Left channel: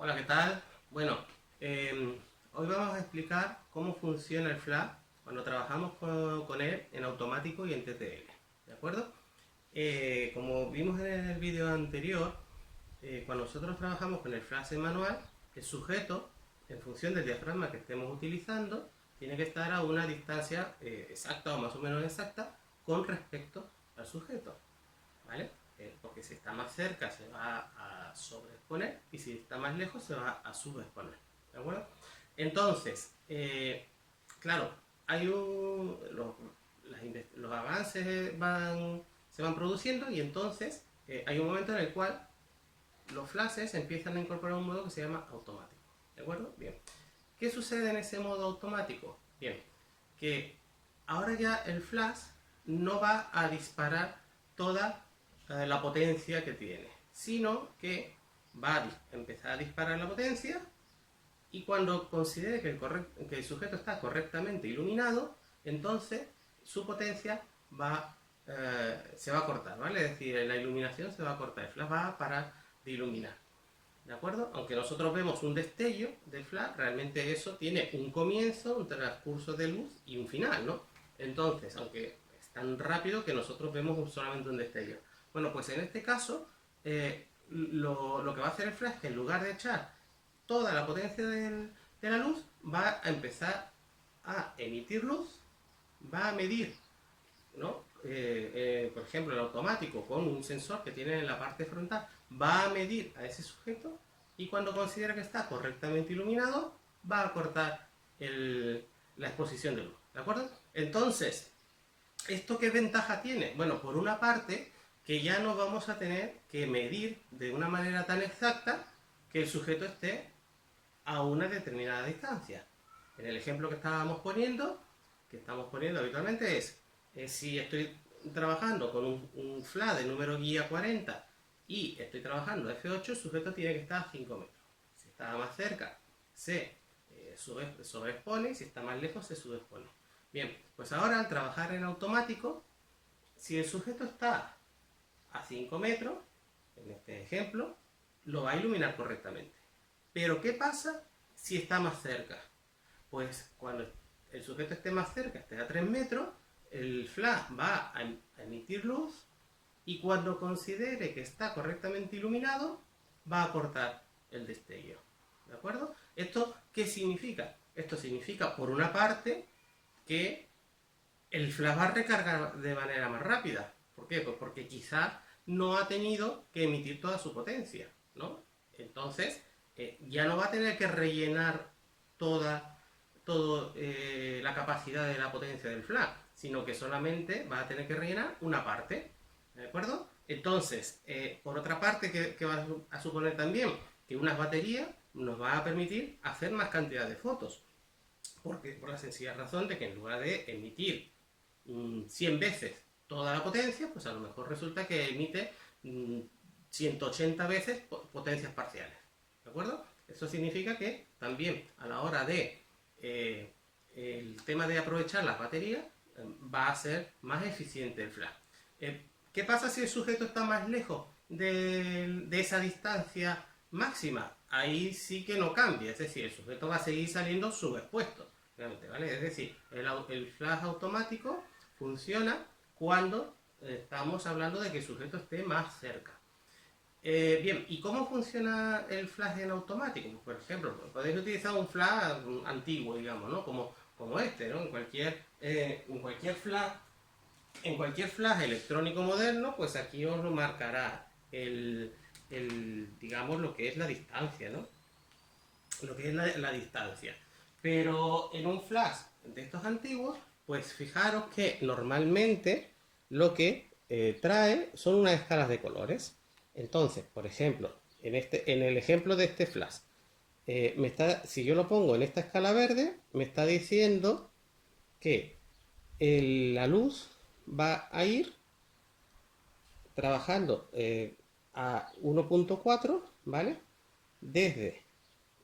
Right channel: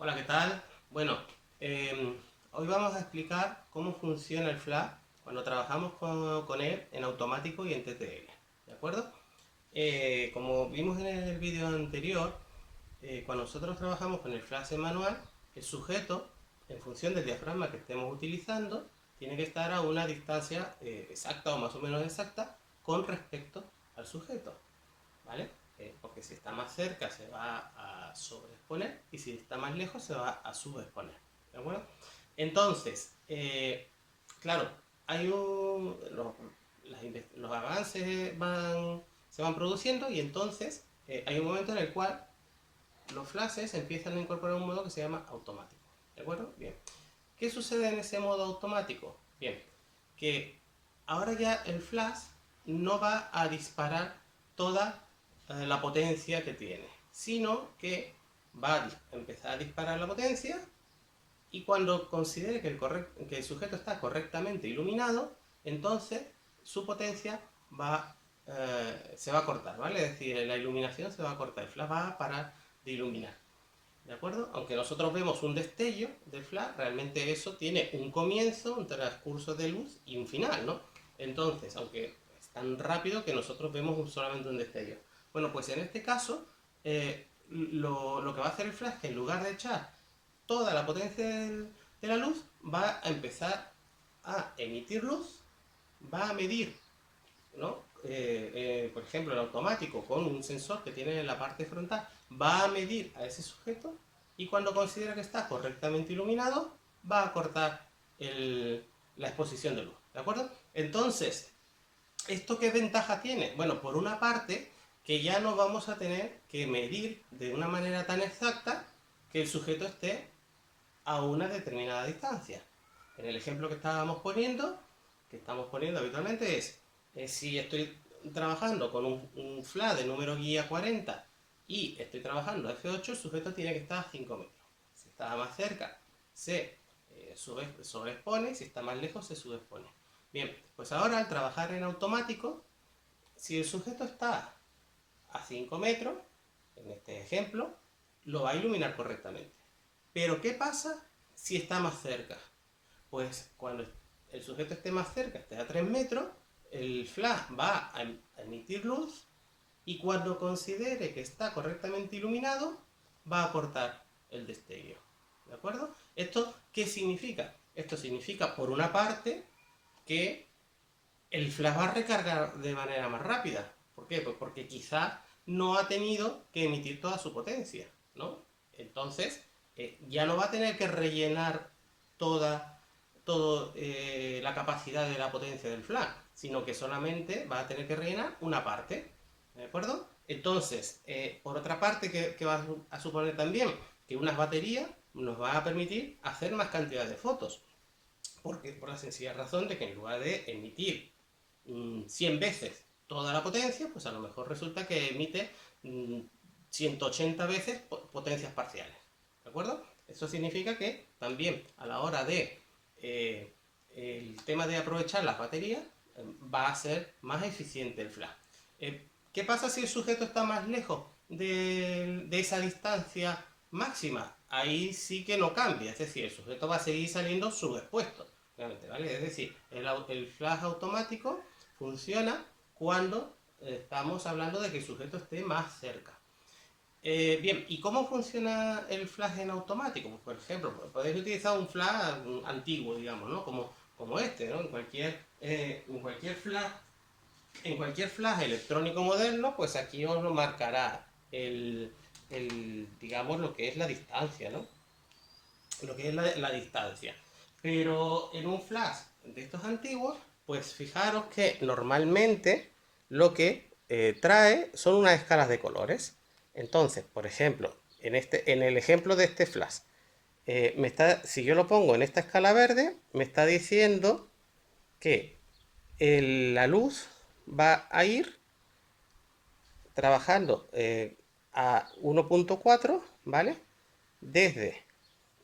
Hola, ¿qué tal? Bueno, hoy vamos a explicar cómo funciona el flash cuando trabajamos con él en automático y en TTL. ¿De acuerdo? Como vimos en el vídeo anterior, cuando nosotros trabajamos con el flash en manual, el sujeto, en función del diafragma que estemos utilizando, tiene que estar a una distancia exacta o más o menos exacta con respecto al sujeto. ¿Vale? Porque si está más cerca se va a sobreexponer y si está más lejos se va a subexponer. ¿De acuerdo? Entonces, claro, hay los avances se van produciendo y entonces hay un momento en el cual los flashes empiezan a incorporar un modo que se llama automático. ¿De acuerdo? Bien. ¿Qué sucede en ese modo automático? Bien, que ahora ya el flash no va a disparar toda la potencia que tiene, sino que va a empezar a disparar la potencia y cuando considere que el sujeto está correctamente iluminado, entonces su potencia se va a cortar, ¿vale? Es decir, la iluminación se va a cortar, el flash va a parar de iluminar. ¿De acuerdo? Aunque nosotros vemos un destello de flash, realmente eso tiene un comienzo, un transcurso de luz y un final, ¿no? Entonces, aunque es tan rápido que nosotros vemos solamente un destello. Bueno, pues en este caso, lo que va a hacer el flash es que en lugar de echar toda la potencia de la luz, va a empezar a emitir luz, va a medir, ¿no? Por ejemplo, el automático con un sensor que tiene en la parte frontal va a medir a ese sujeto y cuando considera que está correctamente iluminado va a cortar la exposición de luz, ¿de acuerdo? Entonces, ¿esto qué ventaja tiene? Bueno, por una parte, que ya no vamos a tener que medir de una manera tan exacta que el sujeto esté a una determinada distancia. En el ejemplo que estamos poniendo habitualmente es, si estoy trabajando con un flash de número guía 40 y estoy trabajando F8, el sujeto tiene que estar a 5 metros. Si está más cerca, se sobreexpone, si está más lejos, se subexpone. Bien, pues ahora al trabajar en automático, si el sujeto está a 5 metros, en este ejemplo, lo va a iluminar correctamente. Pero ¿qué pasa si está más cerca? Pues cuando el sujeto esté más cerca, esté a 3 metros, el flash va a emitir luz y cuando considere que está correctamente iluminado, va a cortar el destello. ¿De acuerdo? ¿Esto qué significa? Esto significa, por una parte, que el flash va a recargar de manera más rápida. ¿Por qué? Pues porque quizás no ha tenido que emitir toda su potencia, ¿no? Entonces, ya no va a tener que rellenar toda, la capacidad de la potencia del flash, sino que solamente va a tener que rellenar una parte, ¿de acuerdo? Entonces, por otra parte, ¿qué va a suponer también? Que unas baterías nos va a permitir hacer más cantidad de fotos. Porque, por la sencilla razón de que en lugar de emitir 100 veces toda la potencia, pues a lo mejor resulta que emite 180 veces potencias parciales. ¿De acuerdo? Eso significa que también a la hora de el tema de aprovechar las baterías va a ser más eficiente el flash. ¿Qué pasa si el sujeto está más lejos de esa distancia máxima? Ahí sí que no cambia, es decir, el sujeto va a seguir saliendo subexpuesto, ¿vale? Es decir, el flash automático funciona cuando estamos hablando de que el sujeto esté más cerca. Bien, ¿y cómo funciona el flash en automático? Pues, por ejemplo, podéis utilizar un flash antiguo, digamos, ¿no? Como este, ¿no? En cualquier flash electrónico moderno, pues aquí os lo marcará digamos, lo que es la distancia, ¿no? Lo que es la distancia. Pero en un flash de estos antiguos, pues fijaros que normalmente lo que trae son unas escalas de colores. Entonces, por ejemplo, en el ejemplo de este flash, si yo lo pongo en esta escala verde, me está diciendo que la luz va a ir trabajando a 1.4, ¿vale? Desde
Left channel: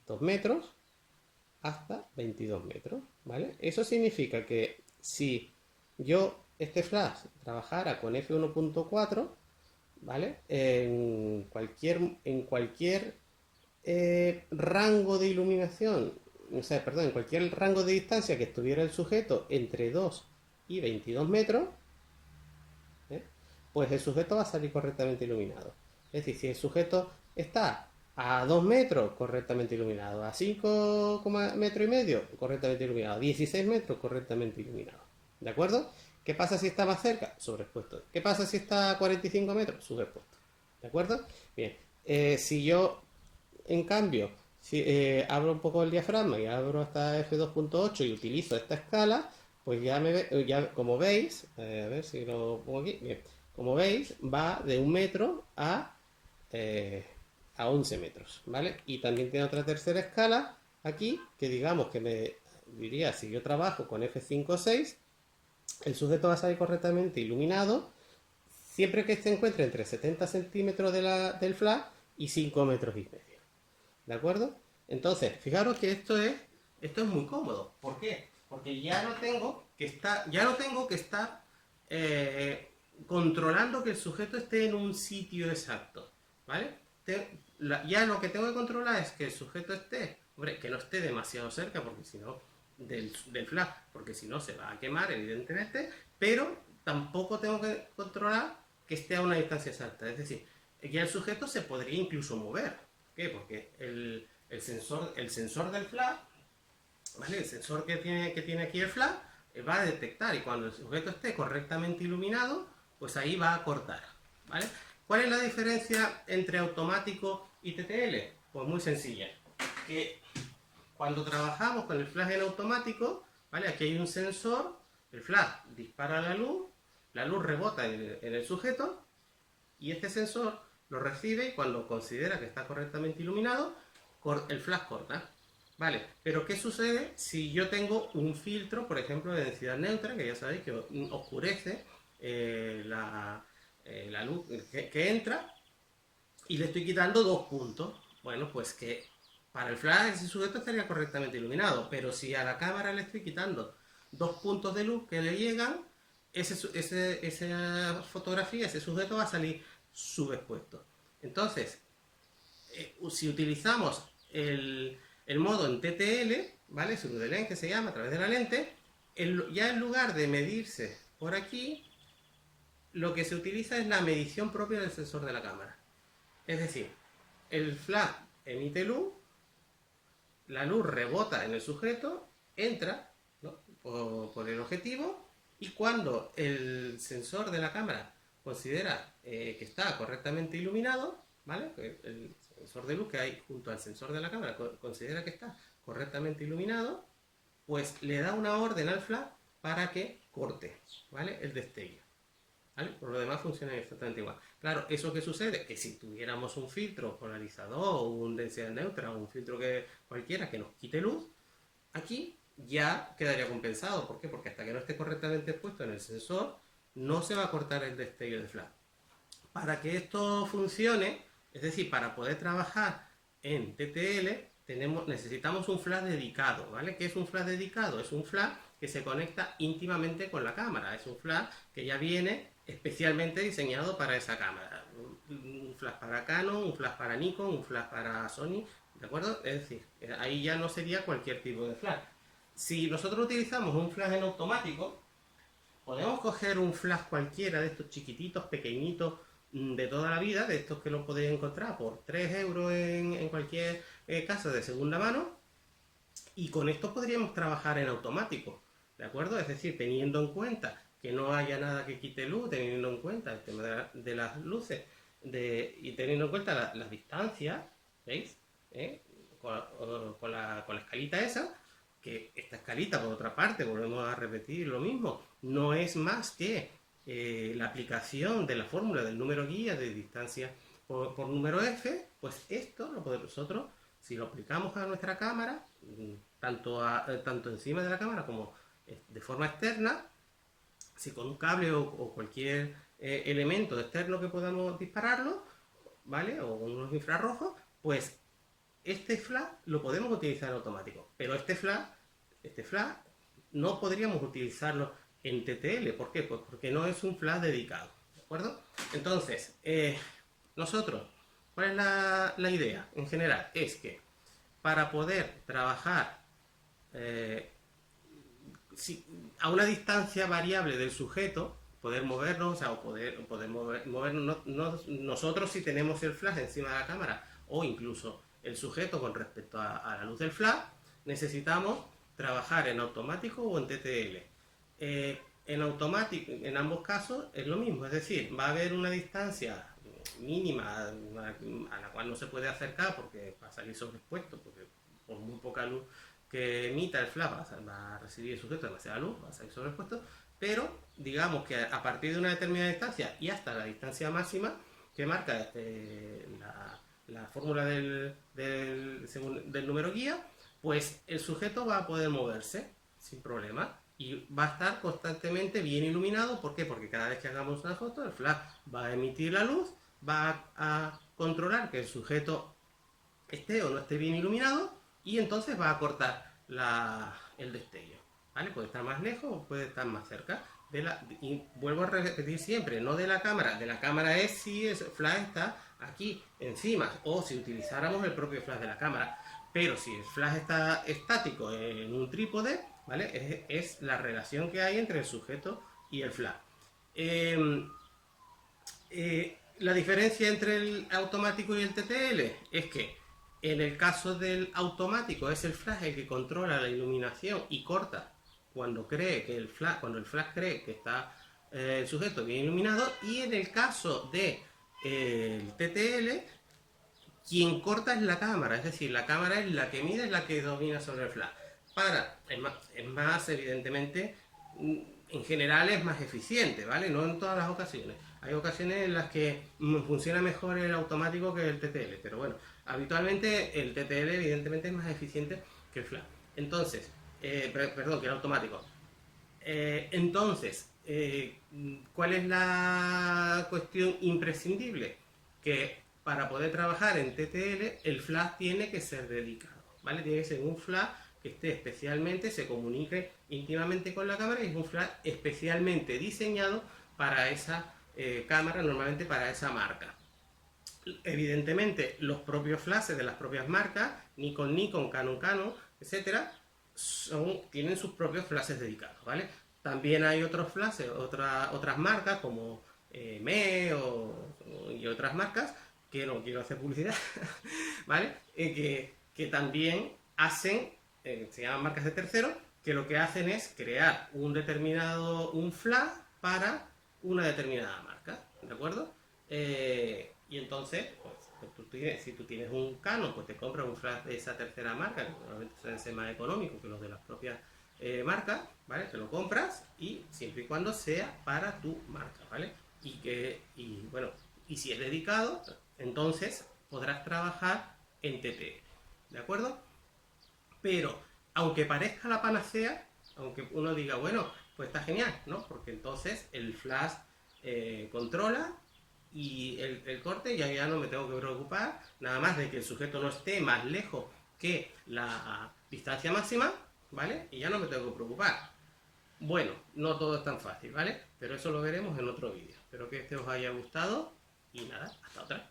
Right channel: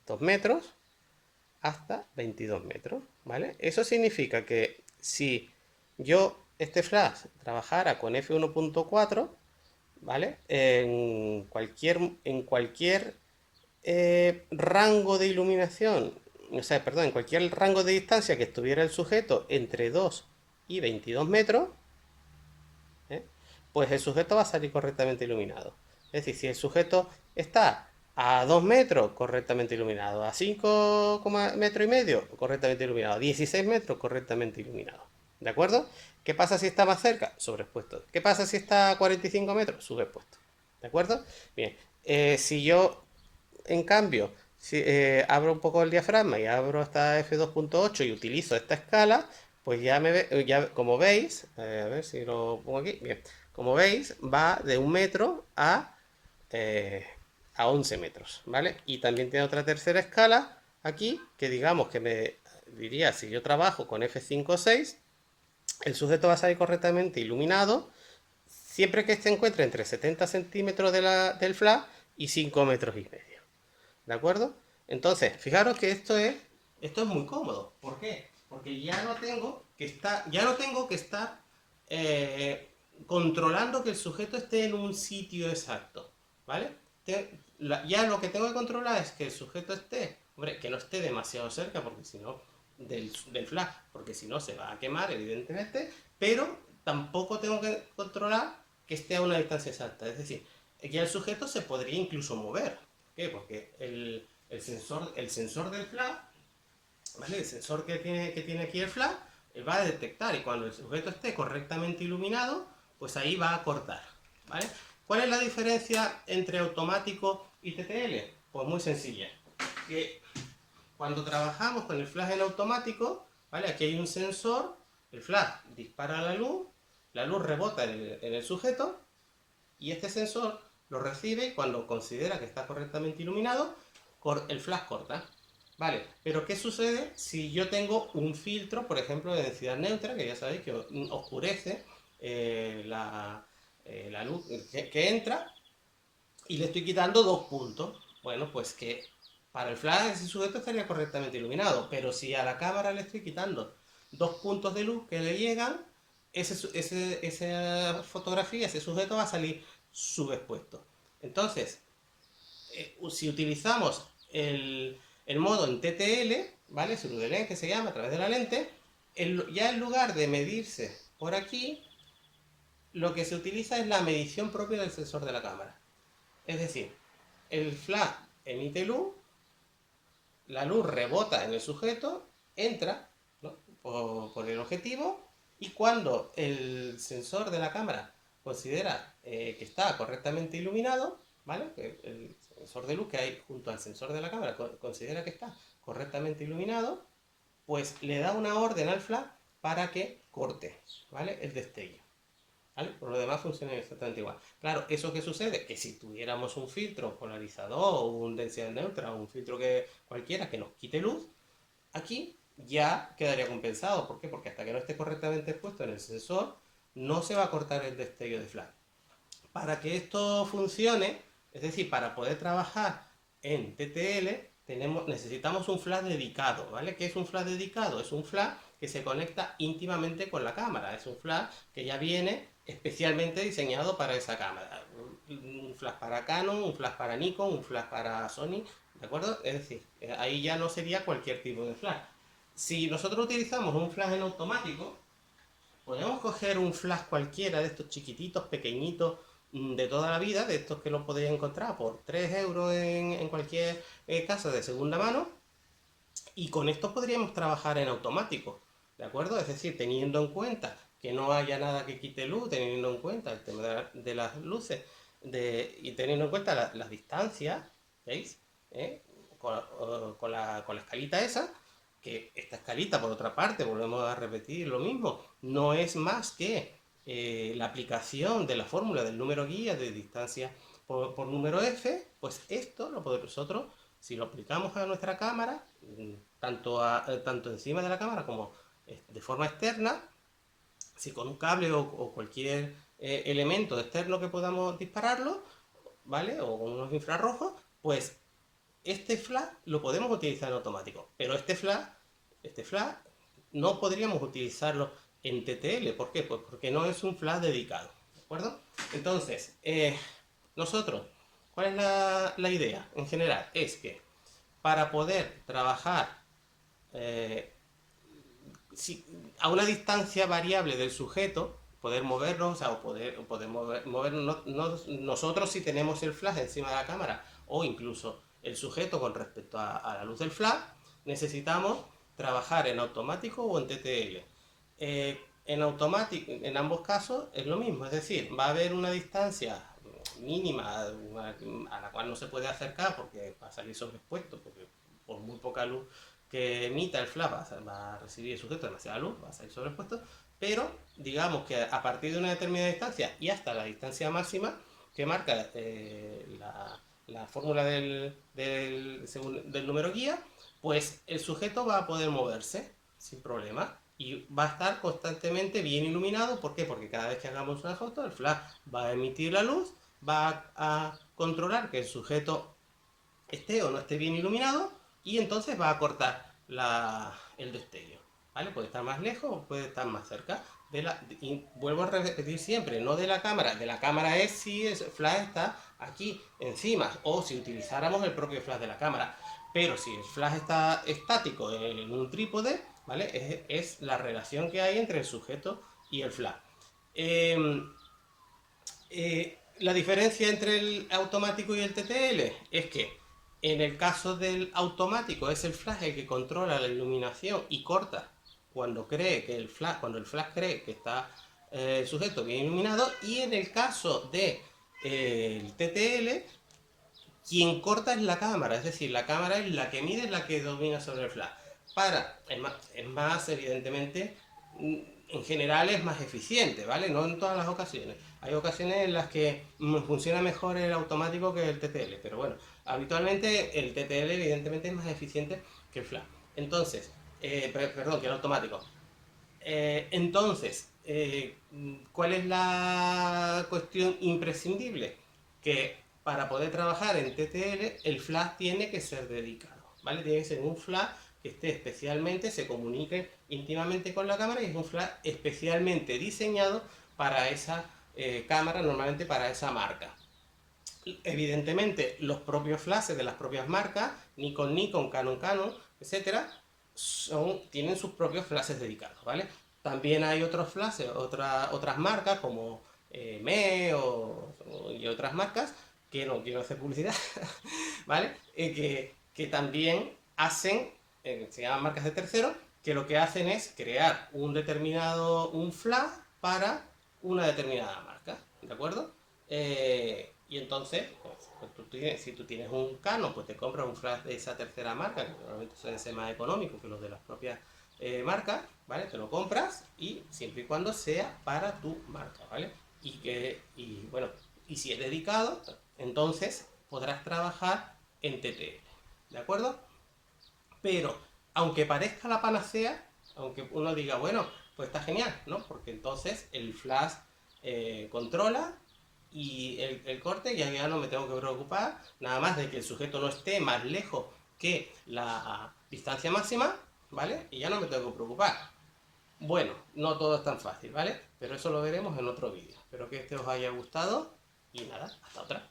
2 metros hasta 22 metros, ¿vale? Eso significa que si yo este flash trabajara con F1.4, ¿vale? En cualquier rango de iluminación, o sea, perdón, en cualquier rango de distancia que estuviera el sujeto entre 2 y 22 metros, ¿eh? Pues el sujeto va a salir correctamente iluminado. Es decir, si el sujeto está a 2 metros, correctamente iluminado, a 5 metros y medio, correctamente iluminado, a 16 metros, correctamente iluminado. ¿De acuerdo? ¿Qué pasa si está más cerca? Sobreexpuesto. ¿Qué pasa si está a 45 metros? Subexpuesto. ¿De acuerdo? Bien. Si yo, en cambio, si, abro un poco el diafragma y abro hasta f2.8 y utilizo esta escala, pues ya como veis, a ver si lo pongo aquí, bien, como veis va de 1 metro eh, a 11 metros, ¿vale? Y también tiene otra tercera escala aquí, que digamos que me diría, si yo trabajo con f5 o 6, el sujeto va a salir correctamente iluminado siempre que se encuentre entre 70 centímetros del flash y 5 metros y medio. ¿De acuerdo? Entonces, fijaros que esto es muy cómodo. ¿Por qué? Porque ya no tengo que estar controlando que el sujeto esté en un sitio exacto. ¿Vale? Ya lo que tengo que controlar es que el sujeto esté, hombre, que no esté demasiado cerca, porque si no, del flash, porque si no se va a quemar, evidentemente, pero tampoco tengo que controlar que esté a una distancia exacta. Es decir, ya el sujeto se podría incluso mover. ¿Por qué? Porque el sensor del flash, ¿vale? El sensor que tiene aquí el flash, va a detectar, y cuando el sujeto esté correctamente iluminado, pues ahí va a cortar, ¿vale? ¿Cuál es la diferencia entre automático y TTL? Pues muy sencilla. Que cuando trabajamos con el flash en automático, ¿vale? Aquí hay un sensor, el flash dispara la luz rebota en el sujeto, y este sensor lo recibe y cuando considera que está correctamente iluminado, el flash corta. Vale, pero ¿qué sucede si yo tengo un filtro, por ejemplo, de densidad neutra, que ya sabéis que oscurece la luz que entra, y le estoy quitando 2 puntos? Bueno, pues que para el flash ese sujeto estaría correctamente iluminado, pero si a la cámara le estoy quitando 2 puntos de luz que le llegan, esa fotografía, ese sujeto va a salir subexpuesto. Entonces, si utilizamos el modo en TTL, ¿vale? Lens, que se llama, a través de la lente, ya en lugar de medirse por aquí, lo que se utiliza es la medición propia del sensor de la cámara. Es decir, el flash emite luz, la luz rebota en el sujeto, entra, ¿no?, por el objetivo, y cuando el sensor de la cámara considera que está correctamente iluminado, ¿vale? El sensor de luz que hay junto al sensor de la cámara considera que está correctamente iluminado, pues le da una orden al flash para que corte, ¿vale?, el destello. ¿Vale? Por lo demás funciona exactamente igual. Claro, ¿eso qué sucede? Que si tuviéramos un filtro polarizador o un densidad neutra o un filtro cualquiera que nos quite luz, aquí ya quedaría compensado. ¿Por qué? Porque hasta que no esté correctamente expuesto en el sensor, no se va a cortar el destello de flash. Para que esto funcione, es decir, para poder trabajar en TTL, necesitamos un flash dedicado, ¿vale? ¿Qué es un flash dedicado? Es un flash que se conecta íntimamente con la cámara. Es un flash que ya viene especialmente diseñado para esa cámara. Un flash para Canon, un flash para Nikon, un flash para Sony, ¿de acuerdo? Es decir, ahí ya no sería cualquier tipo de flash. Si nosotros utilizamos un flash en automático, podemos coger un flash cualquiera de estos chiquititos, pequeñitos, de toda la vida, de estos que los podéis encontrar por 3 euros en cualquier casa de segunda mano, y con estos podríamos trabajar en automático, ¿de acuerdo? Es decir, teniendo en cuenta que no haya nada que quite luz, teniendo en cuenta el tema de las luces, y teniendo en cuenta las distancias, ¿veis? Con la escalita esa, que esta escalita, por otra parte, volvemos a repetir lo mismo, no es más que la aplicación de la fórmula del número guía de distancia por número f. Pues esto lo podemos nosotros, si lo aplicamos a nuestra cámara, tanto encima de la cámara como de forma externa, si con un cable o cualquier elemento externo que podamos dispararlo, ¿vale? O con unos infrarrojos, pues este flash lo podemos utilizar en automático, pero este flash no podríamos utilizarlo en TTL. ¿Por qué? Pues porque no es un flash dedicado, ¿de acuerdo? Entonces, nosotros ¿Cuál es la idea en general? Es que para poder trabajar eh, a una distancia variable del sujeto, poder movernos, o sea, poder movernos nosotros si tenemos el flash encima de la cámara, o incluso el sujeto con respecto a la luz del flash, necesitamos trabajar en automático o en TTL. En automático, en ambos casos, es lo mismo, es decir, va a haber una distancia mínima a la cual no se puede acercar porque va a salir sobreexpuesto, porque por muy poca luz que emita el flash va a recibir el sujeto demasiada luz, va a salir sobreexpuesto, pero digamos que a partir de una determinada distancia y hasta la distancia máxima que marca la fórmula del número guía, pues el sujeto va a poder moverse sin problema y va a estar constantemente bien iluminado. ¿Por qué? Porque cada vez que hagamos una foto, el flash va a emitir la luz, va a controlar que el sujeto esté o no esté bien iluminado y entonces va a cortar el destello. ¿Vale? Puede estar más lejos o puede estar más cerca. Y vuelvo a repetir siempre, no de la cámara es si el flash está aquí encima o si utilizáramos el propio flash de la cámara. Pero si el flash está estático en un trípode, ¿vale? Es la relación que hay entre el sujeto y el flash. La diferencia entre el automático y el TTL es que en el caso del automático es el flash el que controla la iluminación y corta cuando cuando el flash cree que está el sujeto bien iluminado, y en el caso de el TTL quien corta es la cámara, es decir, la cámara es la que mide, es la que domina sobre el flash. Es más evidentemente, en general es más eficiente, ¿vale? No en todas las ocasiones. Hay ocasiones en las que funciona mejor el automático que el TTL, pero bueno, habitualmente el TTL evidentemente es más eficiente que el flash. Entonces, perdón, que el automático. ¿Cuál es la cuestión imprescindible? Que para poder trabajar en TTL, el flash tiene que ser dedicado, ¿vale? Tiene que ser un flash que esté especialmente, se comunique íntimamente con la cámara, y es un flash especialmente diseñado para esa cámara, normalmente para esa marca. Evidentemente, los propios flashes de las propias marcas, Nikon, Canon, etcétera, tienen sus propios flashes dedicados, ¿vale? También hay otros flashes, otras marcas como y otras marcas, que no quiero hacer publicidad, ¿vale? Que también hacen, se llaman marcas de terceros, que lo que hacen es crear un flash para una determinada marca, ¿de acuerdo? Y entonces, si tú tienes un Canon, pues te compras un flash de esa tercera marca, que normalmente suele ser más económico que los de las propias marcas, ¿vale? Te lo compras, y siempre y cuando sea para tu marca, ¿vale? Bueno, y si es dedicado, entonces podrás trabajar en TTL, ¿de acuerdo? Pero, aunque parezca la panacea, aunque uno diga, bueno, pues está genial, ¿no? Porque entonces el flash controla y el corte, ya no me tengo que preocupar nada más de que el sujeto no esté más lejos que la distancia máxima, ¿vale? Y ya no me tengo que preocupar. Bueno, no todo es tan fácil, ¿vale? Pero eso lo veremos en otro vídeo. Espero que este os haya gustado y nada, hasta otra.